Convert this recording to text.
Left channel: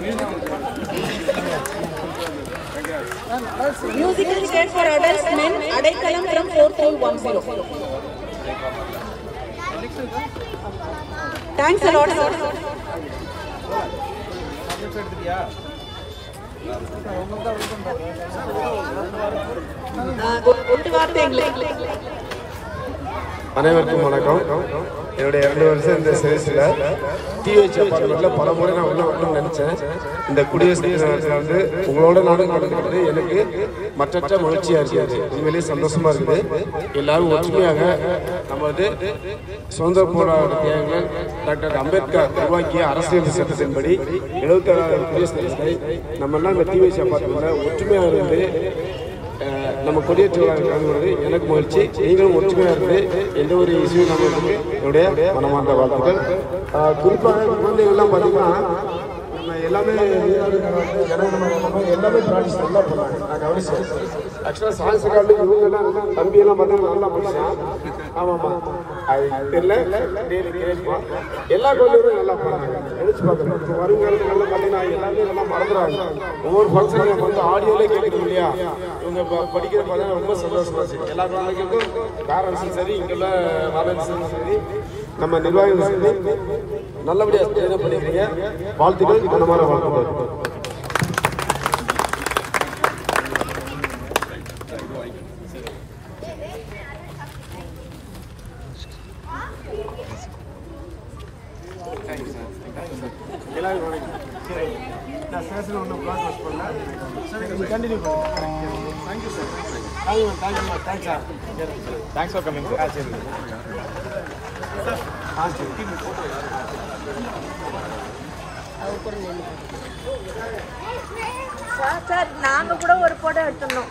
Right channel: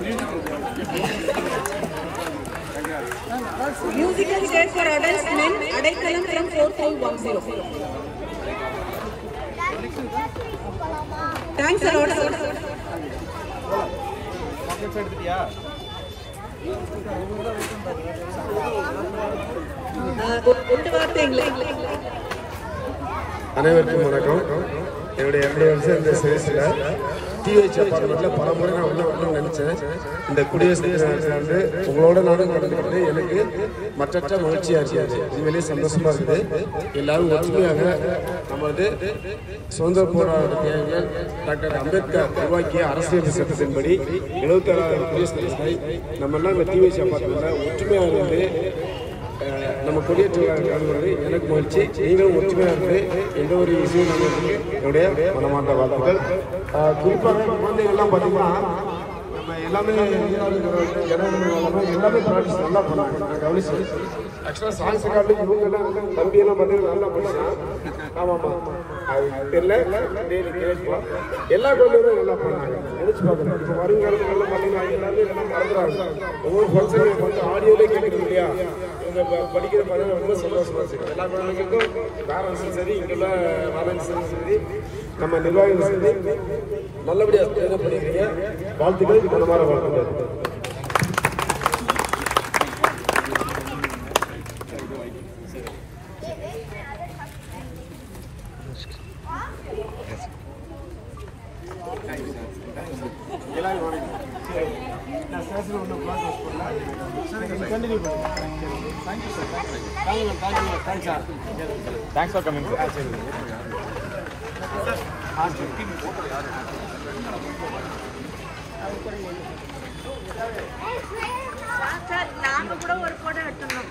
Musical chair for adults men, Adaikalam from 4310. Thanks a lot, sir. அனைவருக்கும் வணக்கம். என்னுடைய 2 வருஷம் இந்த சர்வீஸில் டிஹெச் அப்பார்ட்மெண்ட்டில் பல முறை நான் வரணும்னு நினச்சேன். இந்த குடியரசு தினத்தில் வந்து உங்களோட நானும் நடக்கிறது எனக்கு மற்ற மகிழ்ச்சியாக இருக்குது. உண்மையிலேயே சந்தோஷமாக இருக்குது. எல்லாரும் ஒற்றுமையாக நம்ம வந்து சுதந்திர போராட்ட தியாகிகள் டாக்டர் அம்பேத்கர் உருவாக்கிய அரசியல் சட்டத்தின்படி 76வது குடியரசு தினத்தை நம்ம எல்லாம் இந்த டிஹெச் அப்பார்ட்மெண்ட்டில் ஒற்றுமையாக இருந்து நம்ம கொடியேற்றுவது எனக்கு மகிழ்ச்சி. நீங்களும் ஒற்றுமையாக இருந்து எந்த ஒரு இஷ்யூ நம்மளுக்கு என்னுடைய மனமார்ந்த வாழ்த்துக்கள். குறிப்பாக குழந்தைகள்லாம் பார்த்தீங்கன்னா எல்லாமே ப்ராக்டிஸ் நல்லா பண்ணுவாங்க. நான் கவனிச்சேன். ஆக்சுவலாக சான்ஸ் காட்டு இவங்க தம்பியெல்லாம் பார்த்தீங்கன்னா நல்லா படிச்சான். ஆமாம்மா அது தெரியல எல்லா குழந்தைகளும் நல்லா பண்ணாங்க. நினைச்சு பார்க்கணும். வருங்காலத்தில் பார்த்தீங்கன்னா எல்லாருமே நல்லா மறந்துடுவாங்க. ஒவ்வொரு ஃபங்க்ஷனும் வந்து ஆடியோலே கேட்குறது இல்லையா? இவங்க படிக்கிற பார்த்தா ரொம்ப சந்தோஷமா இருக்கு. எல்லா குழந்தைகளுக்கும் பேரண்ட்ஸும் சரி, இங்குள்ள வாலண்டியர்ஸும் சரி, நம்ம நிர்வாகிகளும் சரி நல்லபடியாக ட்ரெயின் பண்ணிடுறீங்க. வாழ்த்துக்கள், மனமார வாழ்த்துக்கள். எல்லாரும் வணக்கம். நான் சேஷன் ஒன்றும் பிளாக் வாஷ் பண்ணல. கண்டினியூ பண்ணுங்க. Thank you sir. Thank you sir. Thanks sir. Thanks for coming. சரி. சரி. சார் நாங்க கூட ஒரு போட்டோ எடுத்துறோம்.